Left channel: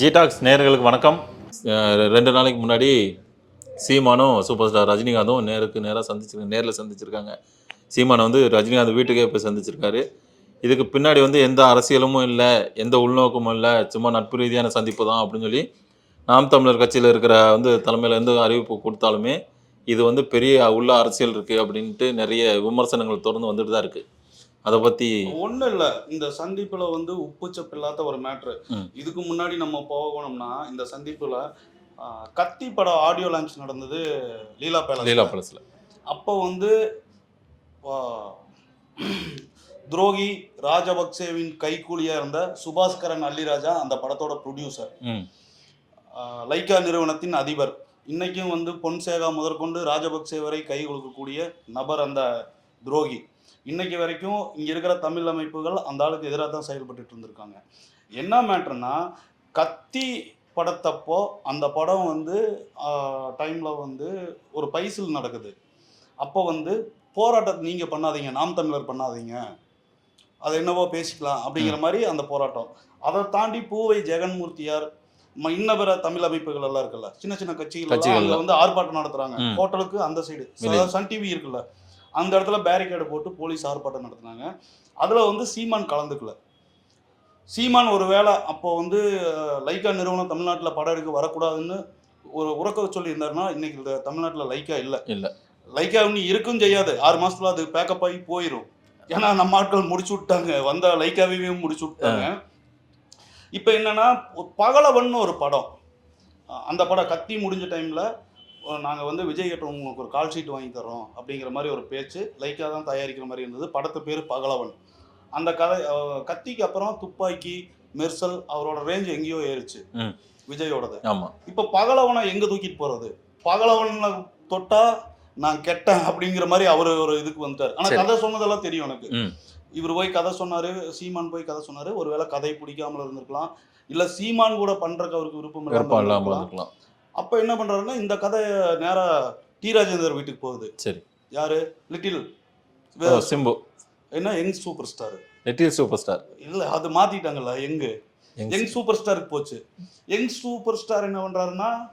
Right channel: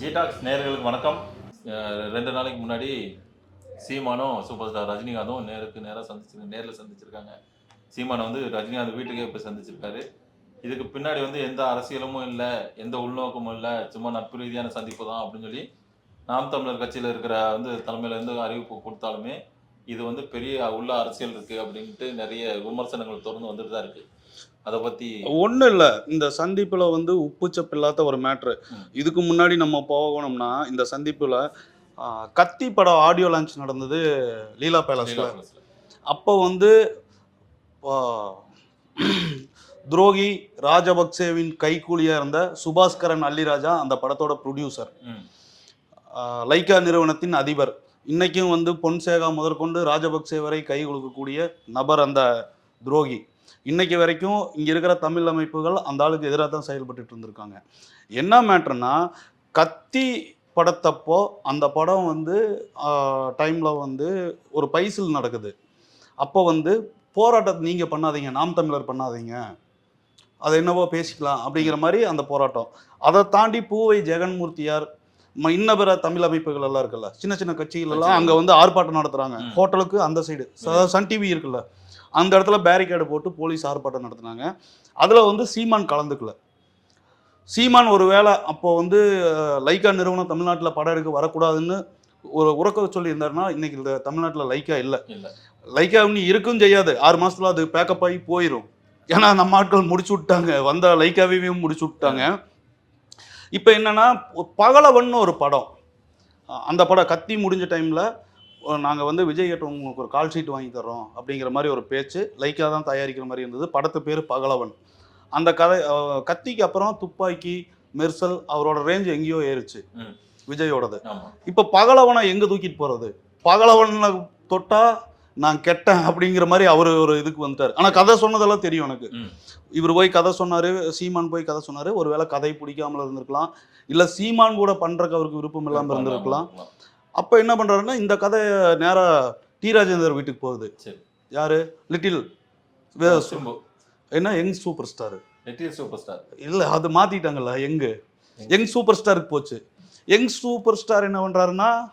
ஜிடாக்ஸ் நேர்களுக்கு வணக்கம். ரெண்டு நாளைக்கு முன்னாடி சீமானும் சூப்பர் ஸ்டார் ரஜினிகாந்தும் நேருக்கு நேராக சந்திச்சு நேரில் சந்திச்சிருக்காங்க. சீமானை வந்து ரஜினிகாந்த் வீட்டுக்கே போய் சந்திச்சிருக்காரு. இதுக்கு பின்னாடி வந்து எந்த அரசியலும் இல்லை எந்த உள்நோக்கமும் இல்லை சும்மா நட்பு ரீதியான சந்திப்பு தான் அப்படின்னு சொல்லி நாம் தமிழர் கட்சியில் இருக்கிற வந்து தலைமையில் எந்த அறிவிப்பு கொடுத்தாலுமே இது வந்து பெரிய உள்ள அரசியல் இருக்குது அப்படின்ட்டு நிறைய விமர்சனங்கள் தொடர்ந்து வந்துட்டு தான் இருக்குது அதை பற்றி ஒண்ணும் இல்ல. இந்த சந்திப்புல வந்து உப்புச்சப்பு இல்லாத ஒரு மேட்ரு. இதுக்கு முன்னாடி நம்ம போகணும்னா இந்த சந்திப்புல கத்தி படம் ஆடியோ லான்ச் நடந்தது லீலா பேலஸ் லீலா பலஸில். அப்போ வந்து துரோகி ராஜபக்சேவின் கைக்கூலியா இருந்த சுபாஸ்கரன் அல்லிராஜா அந்த படத்தோட ப்ரொடியூசர் லைக்கா நிறுவனத்தின் அதிபர். இன்னைக்கும் வந்து பொன்சேகா முதற்கொண்டு ராஜபக்சே வரை கை கொடுக்கக்கூடிய நபர் அந்த துரோகி. இன்னைக்கு வரைக்கும் இங்க இருக்கிற தமிழ் அமைப்புகள் அந்த ஆளுக்கு எதிராக தான் செயல்பட்டுட்டு இருந்திருக்காங்க. என்ன மேட்ருனா கத்தி படத்தப்போ அந்த படம் வந்து டைம்ல வந்து ஒரு பைசில் நடக்குது. அப்போ வந்து போராட்டத்தை நீங்க பண்ணாதீங்க நாம் தமிழர் பண்ணாதீங்க. அதை என்னவோ பேசிக்கலாம் அப்படிங்கிற மாதிரி அந்த போராட்டம். அதை தாண்டி பூவை ஜெகன்மூர்த்தியார் இன்ன பிற தமிழ் அமைப்புகள் எல்லாம் இருக்குல்ல சின்ன சின்ன கட்சிகள் எல்லாம் அங்க வந்து ஆர்ப்பாட்டம் நடத்துறாங்க. ம். ஹோட்டலுக்கு அந்த சைடு. சன் டிவி இருக்குல்ல. அந்த இடத்துல பேரிகேடு போட்டு போலீஸ் ஆர்ப்பாட்டம் நடத்துனாங்க. அதுல வந்து சீமான் கலந்துக்கல. சீமான் ஒரு வேளை அப்போ வந்து லைக்கா நிறுவனம் தமிழ்நாட்டுல படம் எடுக்க வரக்கூடாதுன்னு ஒரு உறக்க சொல்லியிருந்தாருன்னா இன்னைக்கு இந்த தமிழ்நாட்டுல லைக்கா இல்ல. இல்ல. லைக்கா இன்னி இருக்கும் செய்யாது. ஆறு மாசத்துல அது பேக்கப் ஆகி போயிடும் ஏன்னா நம்ம ஆட்கள் முடிச்சு விட்டாங்க. வந்த லைக்காவையும் முடிச்சு விட்டாங்க. இப்போ என்னன்னா பகலவன் ஒரு படம். அந்த படம் கத்தி முடிஞ்ச டைம்ல நாங்கள் வந்து விஜய் கிட்ட உங்களுக்கு ஒரு கால் ஷீட் வாங்கி தர்றோம் அப்படிங்கிற மாதிரி ஒரு பேச்சு லைக்காக தான் தயாரிக்கிற மாதிரி இருந்தது. படத்து பேர் பகலவன். அந்த கதை கத்திக்கு அப்புறம் துப்பாக்கி மெர்சல் அவரோட ரேஞ்ச் எங்கேயோ ஏறுச்சு. விஜயோடது. இப்போ பகலவனை எங்க தூக்கிட்டு போறது? பகலவனை தொட்டா நான் கெட்டேன் அப்படிங்கிற மாதிரி அவர் ஒரு இதுக்கு வந்துட்டார். ஆனா சரி. கதை சொன்னதெல்லாம் தெரியும் எனக்கு. இவர் போய் கதை சொன்னாரு சீமான் போய் கதை சொன்னாரு. ஒருவேளை கதை பிடிக்காமல இருந்திருக்கலாம். இல்ல சீமான் கூட பண்றதுக்கு அவருக்கு விருப்பம் இல்லாம விருப்பம் இல்லாமல் இருந்திருக்கலாம். அப்ப என்ன பண்றாருன்னா இந்த கதை நேரா டி ராஜேந்தர் வீட்டுக்கு போகுது. சரி. யாரு? லிட்டில் சிம்பு என்ன young super star little super star இல்ல அது மாத்திட்டாங்கல்ல யங்கு யங் சூப்பர் ஸ்டாருக்கு போச்சு. யங் சூப்பர் ஸ்டார் என்ன பண்றாருன்னா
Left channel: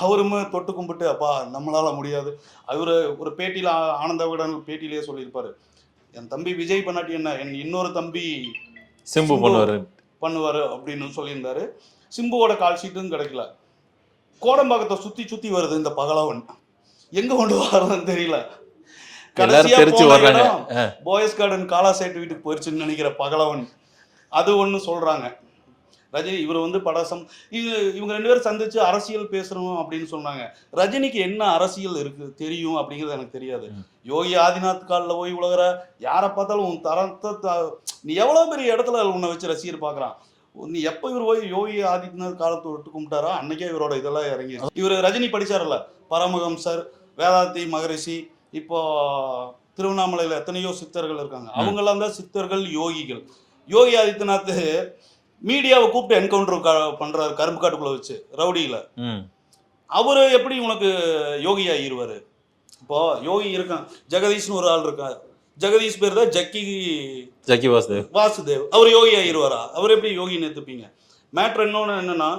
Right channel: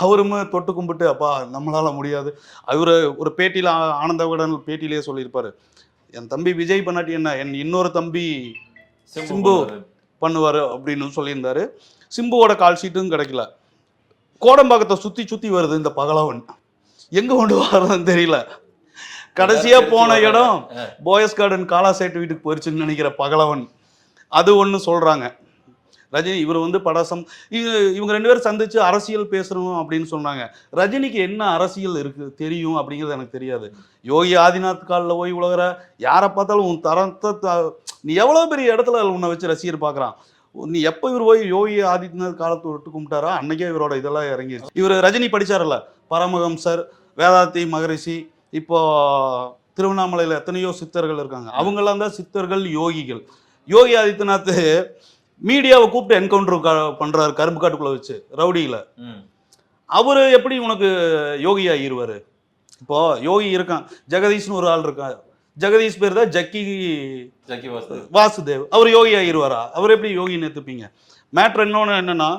அவருமே தொட்டு கும்பிட்டு அப்பா நம்மளால முடியாது. அவரு ஒரு பேட்டியில ஆ- ஆனந்த விகடன் பேட்டியிலேயே சொல்லியிருப்பாரு. என் தம்பி விஜய் பண்ணாட்டி என்ன? என் இன்னொரு தம்பி சிம்பு பண்ணுவாரு. அப்படின்னு சொல்லியிருந்தாரு. சிம்புவோட கால் ஷீட்டும் கிடைக்கல. கோடம்பாக்கத்தை சுத்தி சுத்தி வருது இந்த பகலவன். எங்க கொண்டு வர்றதுன்னு தெரியல. கடைசியா போன. இடம் போயஸ் கார்டன் காலாசேட்டு வீட்டுக்கு போயிருச்சுன்னு நினைக்கிற பகலவன். அது ஒண்ணு சொல்றாங்க. ரஜினி இவர் வந்து படசம் இவங்க இவங்க ரெண்டு பேரும் சந்திச்சு அரசியல் பேசணும் அப்படின்னு சொன்னாங்க. ரஜினிக்கு என்ன அரசியல் இருக்கு தெரியும் அப்படிங்கிறது எனக்கு தெரியாது. யோகி ஆதிநாத் காலில் போய் உலகிற யாரை பார்த்தாலும் உன் தரத்தை நீ எவ்வளவு பெரிய இடத்துல உன்னை வச்சு ரசிகர் பார்க்கறான். நீ எப்போ இவர் போய் யோகி ஆதித்யநாத் காலத்தை விட்டு கும்பிட்டாரோ அன்னைக்கே இவரோட இதெல்லாம் இறங்கி இவர் ரஜினி படிச்சார்ல பரமஹம்சர் வேதாந்தி மகரிஷி இப்போ திருவண்ணாமலையில் எத்தனையோ சித்தர்கள் இருக்காங்க. அவங்கெல்லாம் தான் சித்தர்கள் யோகிகள். யோகி ஆதித்யநாத் மீடியாவை கூப்பிட்டு என்கவுண்டர் பண்றாரு கரும்பு காட்டுக்குள்ள வச்சு ரவுடியில. அவரு எப்படி உனக்கு யோகி ஆகிருவாரு இப்போ யோகி இருக்கான் ஜெகதீஷ்னு ஒரு ஆள் இருக்கான். ஜெகதீஷ் பேர் தான் ஜக்கி ஜக்கி வாசுதேவ். வாசுதேவ். அவர் யோகி ஆகிருவாரா அவர் எப்படி யோகின்னு எடுத்துப்பீங்க? மேட்ரு இன்னொன்று என்னன்னா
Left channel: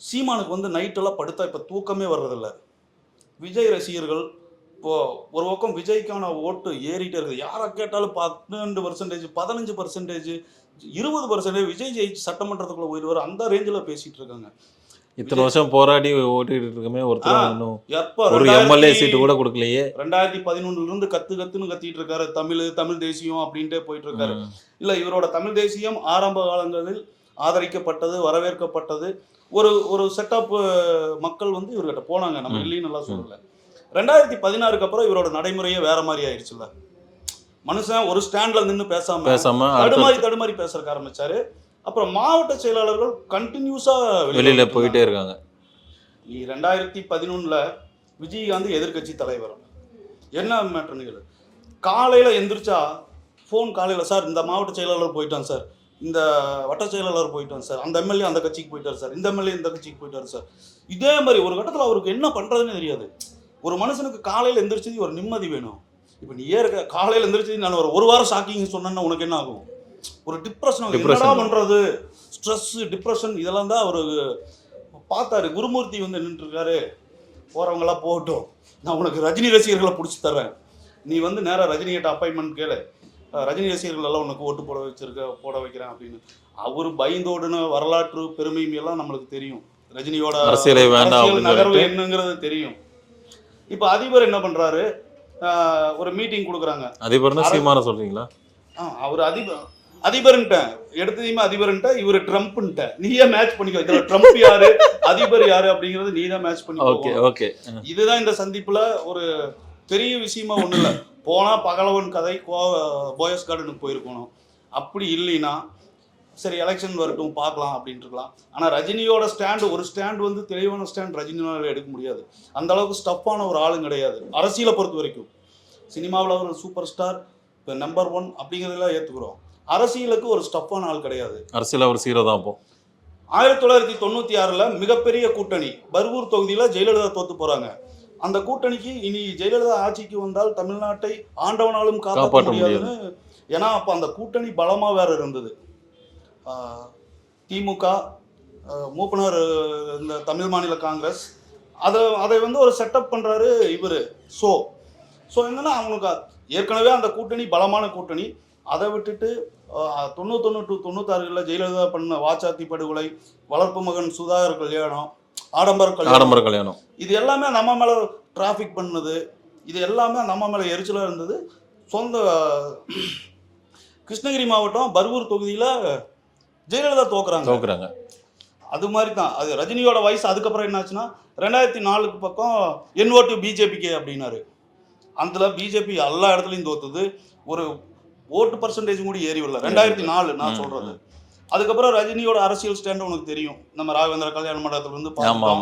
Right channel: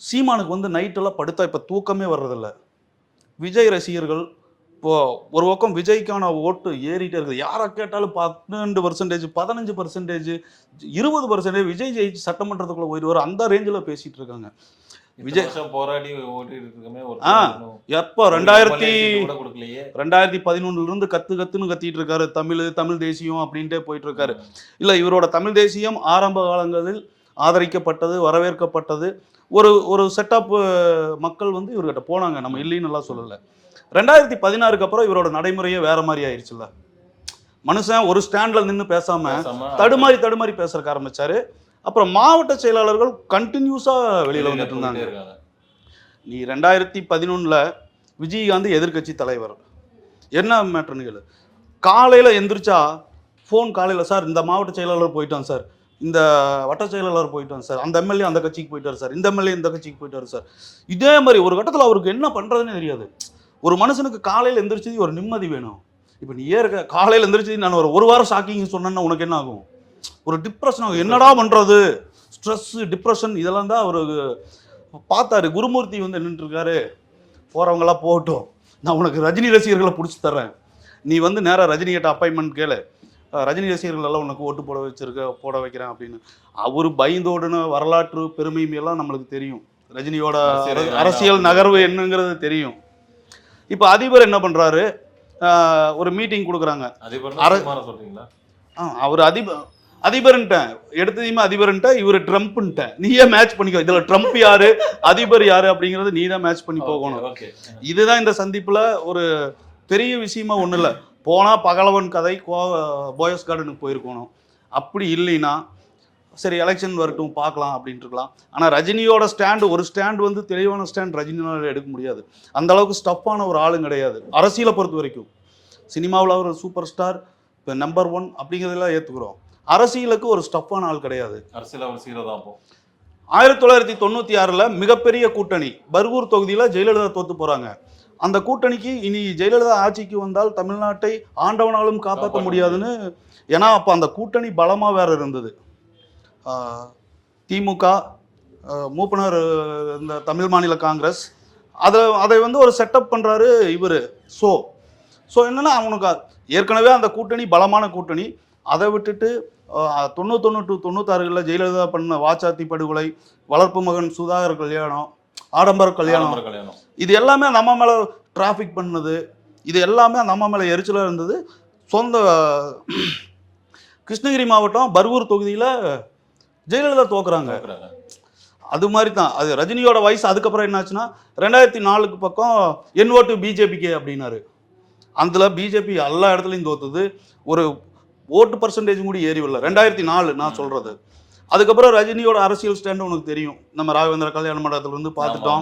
சீமானுக்கு வந்து நைட்டெல்லாம் படுத்தா இப்போ தூக்கமே வர்றதில்ல. விஜய் ரசிகர்கள் இப்போ ஒரு பக்கம் விஜய்க்கான ஓட்டு ஏறிட்டே இருக்குது. யாரை கேட்டாலும் பன்னெண்டு பர்சன்டேஜ் பதினஞ்சு பர்சன்டேஜ் இருபது பர்சன்டேஜ் விஜய் ஜெயிச்சு சட்டமன்றத்துக்குள்ள போயிடுவார். அந்த ரேஞ்சில் பேசிட்டு இருக்காங்க. இத்தனை வருஷம் போராடி ஓட்டிட்டு இருக்கமே ஒருத்தர் எப்போ? ரெண்டாயிரத்தி சீட்டு கூட கொடுக்கலையே. ரெண்டாயிரத்தி பதினொன்னுல இருந்து கத்து கத்துன்னு கத்திட்டு இருக்காரு தமிழ் தமிழ் தேசியம் அப்படின்ட்டே போயிட்டு இருக்காரு. இல்ல இவரோட தமிழ் தேசியம் ஆரம்ப காலங்களில் ஆதரிக்கப்பட்டது வரவேற்கப்பட்டது. ஒரு ஒரு செட்டப் மக்கள் வந்து இவர்கிட்ட போனாங்க. நம்ம. இல்லைன்னு எல்லாம் சொல்லல. ரெண்டாயிரத்தி பதினாறுக்கு அப்புறம் இவரோட நடைமுறையே வேற மாதிரி ஆயிடுச்சுல்ல மனுஷன் ஒரு ஸ்டாண்ட்ல நின்னு பேசாம பேசாம தடுமாறி தடுமாறி பேசுறதுக்கு ஆரம்பிச்சாரு. அப்புறம் மாவட்ட செயலாளர்கள் கண்டினியூஸா வெளியில போயிட்டே இருக்காங்க. நீ ரெண்டாயிரத்தி பதினொன்னுல விஜயகாந்த் எதிர்க்கட்சி தலைவர். என்ன மேட்டர்னுகள் காலையில் எந்திரிச்சா ஃபோன் காலையில் சார் இந்த மாவட்ட செயலாளர் போயிட்டான் சார் இந்த வட்ட செயலாளர் போயிட்டான் சார் அந்த எம்எல்ஏ அந்த கட்சிக்கு போயிட்டார் சார் இந்த எம்எல்ஏ இந்த கட்சிக்கு போயிட்டார் சார் இதே மாதிரி ஒரு கட்டத்தில் அவருக்கு என்ன பண்ணுறதுன்னு தெரியாது. ஒரு மனுஷனுக்கு காலையில் எந்திரிச்சு ஒரு நிம்மதி வேணும். இப்போ நீ இருக்க காலையில் எந்திரிச்சு நான் ஒரு ஒரு வாரம் ஷாக்கிங் சொன்னேன்னா உனக்கு என்ன ஆகும்? ஒரு டிப்ரெஷன். என்னடா பண்ணுறது ஸ்ட்ரெஸ் டிப்ரெஷன் இதெல்லாம் தான் அவர் பார்த்தாரு. குருமூர்த்தி வந்து நின்றுருக்காரு போகிறவங்களாம் போகட்டும். நான் உனக்கு ரஜினி ரசிகர்களை பிடிச்சி தர்றேன். நீ வந்து நேராக ரஜினி கிட்ட அப்பாயின்மெண்ட் கேளு. ரஜினி ரசிகர்கள் எல்லாம் உனக்கு ஓட்டு போட வச்சிருக்க போட வைக்கிறேன் அப்படின்னு. அவர் பயந்தோடுன வரலாற்று பெருமையும் எல்லாம் நம்மளுக்கு தெரியும். ரஜினியோட அரசியலே நகர்வு. என்னங்கிறது தெரியும். இப்போ அதிபர் என்ன பண்றாரு? அஹ் ஒரு மீட்டிங் கொடுக்குறாங்க. சொல்றீங்களா? ஆ, அவர் அதிபர் அதிபர்ன்ட்ட எடுத்ததையுமே அதிபர்ன்ட்ட இவர் ட்ரம்ப்ன்ட்ட நீயே மேட்ச் பண்ணிக்கோ. இதுல ட்ரம்ப் யாரு? அதிபர் யாரு அப்படிங்கறது நீ தான் மேட்ச் பண்ணி ஓகே இதுதான் இந்த சந்திப்புல ஒரு பெரிய விஷயமா ஒண்ணு இல்ல. போனா பகலவன் கதை கோ போயஸ் கார்டனுக்கு போயிருக்கணும். அப்படி இல்லைன்னா சரி எலெக்ஷன் வரட்டும் பார்க்கலாம் அப்படின்ட்டு இருக்கலாம் ஆனா ரஜினியோட ஸ்டாண்ட் ஒரு ஸ்டாண்ட் வந்து தெளிவான ஸ்டாண்ட் ரஜினியோட எடுக்க முடியாது. அந்த அளவுக்கு ஸ்டஃப்பான ஒரு ஆளும் கிடையாது. அரசியலை பொறுத்த வரைக்கும். சினிமாவில் அவர் சூப்பர் ஸ்டார் இப்போ நம்பர் ஒன் அப்படிங்கிறதெல்லாம் ஏற்றுக்கிறோம் அரசியலுக்கு ஒரு ஸ்டஃப்பான ஆள் கிடையாது. அரசியல் அவர் சீரோ தான் அப்போ. ஆயிரத்தி தொள்ளாயிரத்தி தொண்ணூற்றி ஆறில் மிகப்பெரிய கூட்டணி பர்கூர் தொகுதியில் ஜெயலலிதா தோத்து போகிறாங்க அந்த கூட்டணிக்கு இனி ஜெயலலிதா ஆட்சிக்கு வந்தால் தமிழ்நாட்டை ஆண்டவனாலும் காப்பாற்ற முடியாதுன்னு ஏன்னா அப்போ அந்த கூட்டணி பலமாக வேற இருந்தது. திமுக மூப்பனார் இந்த தமிழ் மாநில காங்கிரஸ் அதை அதை வந்து ஒரு செட்டப் பண்ணுறாரு இவர். ஸோ ஸோ என்னன்னா அவனுக்கு ஏற்கனவே அந்த கூட்டணி பலமான கூட்டணி. அதை விட்டுட்டு தொண்ணூத்தொன்னு டு தொண்ணூத்தாறுகளில் ஜெயலலிதா பண்ண வாச்சாத்தி படுகொலை வளர்ப்பு மகன் சுதாகர் கல்யாணம் ஆடம்பர கல்யாணம். ஆடம்பர கல்யாணம். இது எல்லாமே நம்ம மேலே டிராஃபிக் பண்ணது. இது எல்லாமே நம்ம மேலே எரிச்சலாக இருந்தது. சொந்த கிருஷ்ணகிரி மாவட்டம் பர்கூர் தொகுதியில் ஜெயலலிதா தோக்குறாங்க. தோக்குறாங்க. அது மாதிரி தான். அது ரஜினியோட வயசு அதுக்கப்புறம் என்னாச்சுன்னா ரெண்டாயிரத்தி நாலுக்கு பக்கம் என் ஓட்டு பிஜேபிக்கு அப்படின்னாரு. அதில் பிஜேபி எல்லா இடத்துலையும் தோத்துது. ஒரு ஓட்டு பர்சன்டேஜ் கூட ஏறி வரல. ரெண்டாயிரத்தி நாலு நான். சொல்றது. அதுக்கப்புறம் ரஜினியோட அரசியல் ஸ்டாண்டு உனக்கு தெரியும். நம்ம ராகவேந்திர கல்யாண மண்டபத்துல இருந்து ஆமா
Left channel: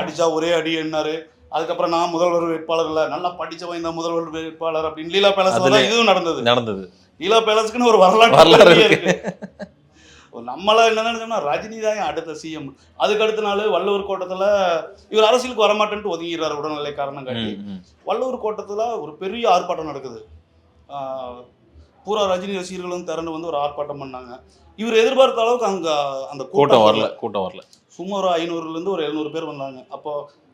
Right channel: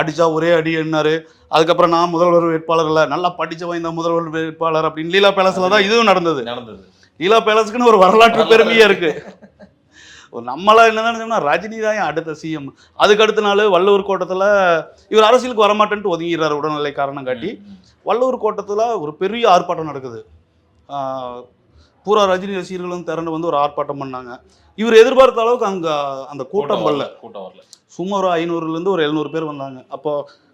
அடிச்சா ஒரே அடி என்னாரு. அதுக்கப்புறம் நான் முதல்வர் வேட்பாளர் இல்ல நல்லா படிச்சவன் இந்த முதல்வர் வேட்பாளர் அப்படின்னு லீலா பேலஸ்ல தான் இதுவும் நடந்தது. நடந்தது. லீலா பேலஸ்க்குன்னு ஒரு வரலாற்று இருக்கு. நம்மளா என்ன நினைச்சோம்னா ரஜினி தான் அடுத்த சிஎம் அதுக்கு அடுத்த நாள் வள்ளுவர் கோட்டத்துல இவர் அரசியலுக்கு வரமாட்டேன்ட்டு ஒதுங்கிறாரு உடல்நிலை காரணம் காட்டி. வள்ளுவர் கோட்டத்துல ஒரு பெரிய ஆர்ப்பாட்டம் நடக்குது. ஆஹ் பூரா ரஜினி ரசிகர்களும் திரண்டு வந்து ஒரு ஆர்ப்பாட்டம் பண்ணாங்க. இவர் எதிர்பார்த்த அளவுக்கு அங்க அந்த கூட்டம் வரல கூட்டம் வரல. சும்மா ஒரு ஐநூறுலேருந்து ஒரு எழுநூறு பேர் வந்தாங்க. அப்போ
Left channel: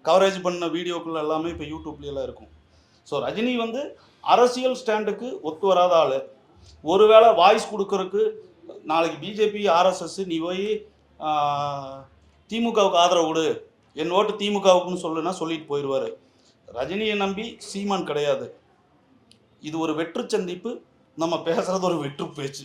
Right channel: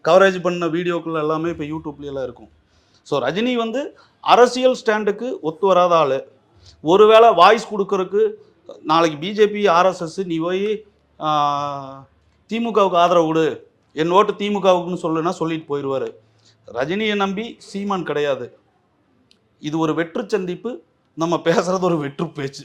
கவரேஜ் பண்ண வீடியோக்குள்ள எல்லாமே இப்போ யூடியூப்ல எல்லாம் இருக்கும். ஸோ ரஜினி வந்து அரசியல் ஸ்டாண்டுக்கு ஒத்து வராத ஆள். ஒருவேளை வாய்ஸ் கொடுக்கறதுக்கு நாளைக்கு பிஜேபி ஆர்எஸ்எஸ் நீ போய் திமுகவுக்கு ஆதரவு கொடு. என் ஓட்டு திமுகவுக்குன்னு சொல்லுன்னா சொல்லிட்டு போயிடுவாரு ரஜினியை நம்பி சீமான் கிடையாது. இது ஒரு வெற்று சந்திப்பு. நம்ம பேசுறது ஒரு வெற்று பேச்சு.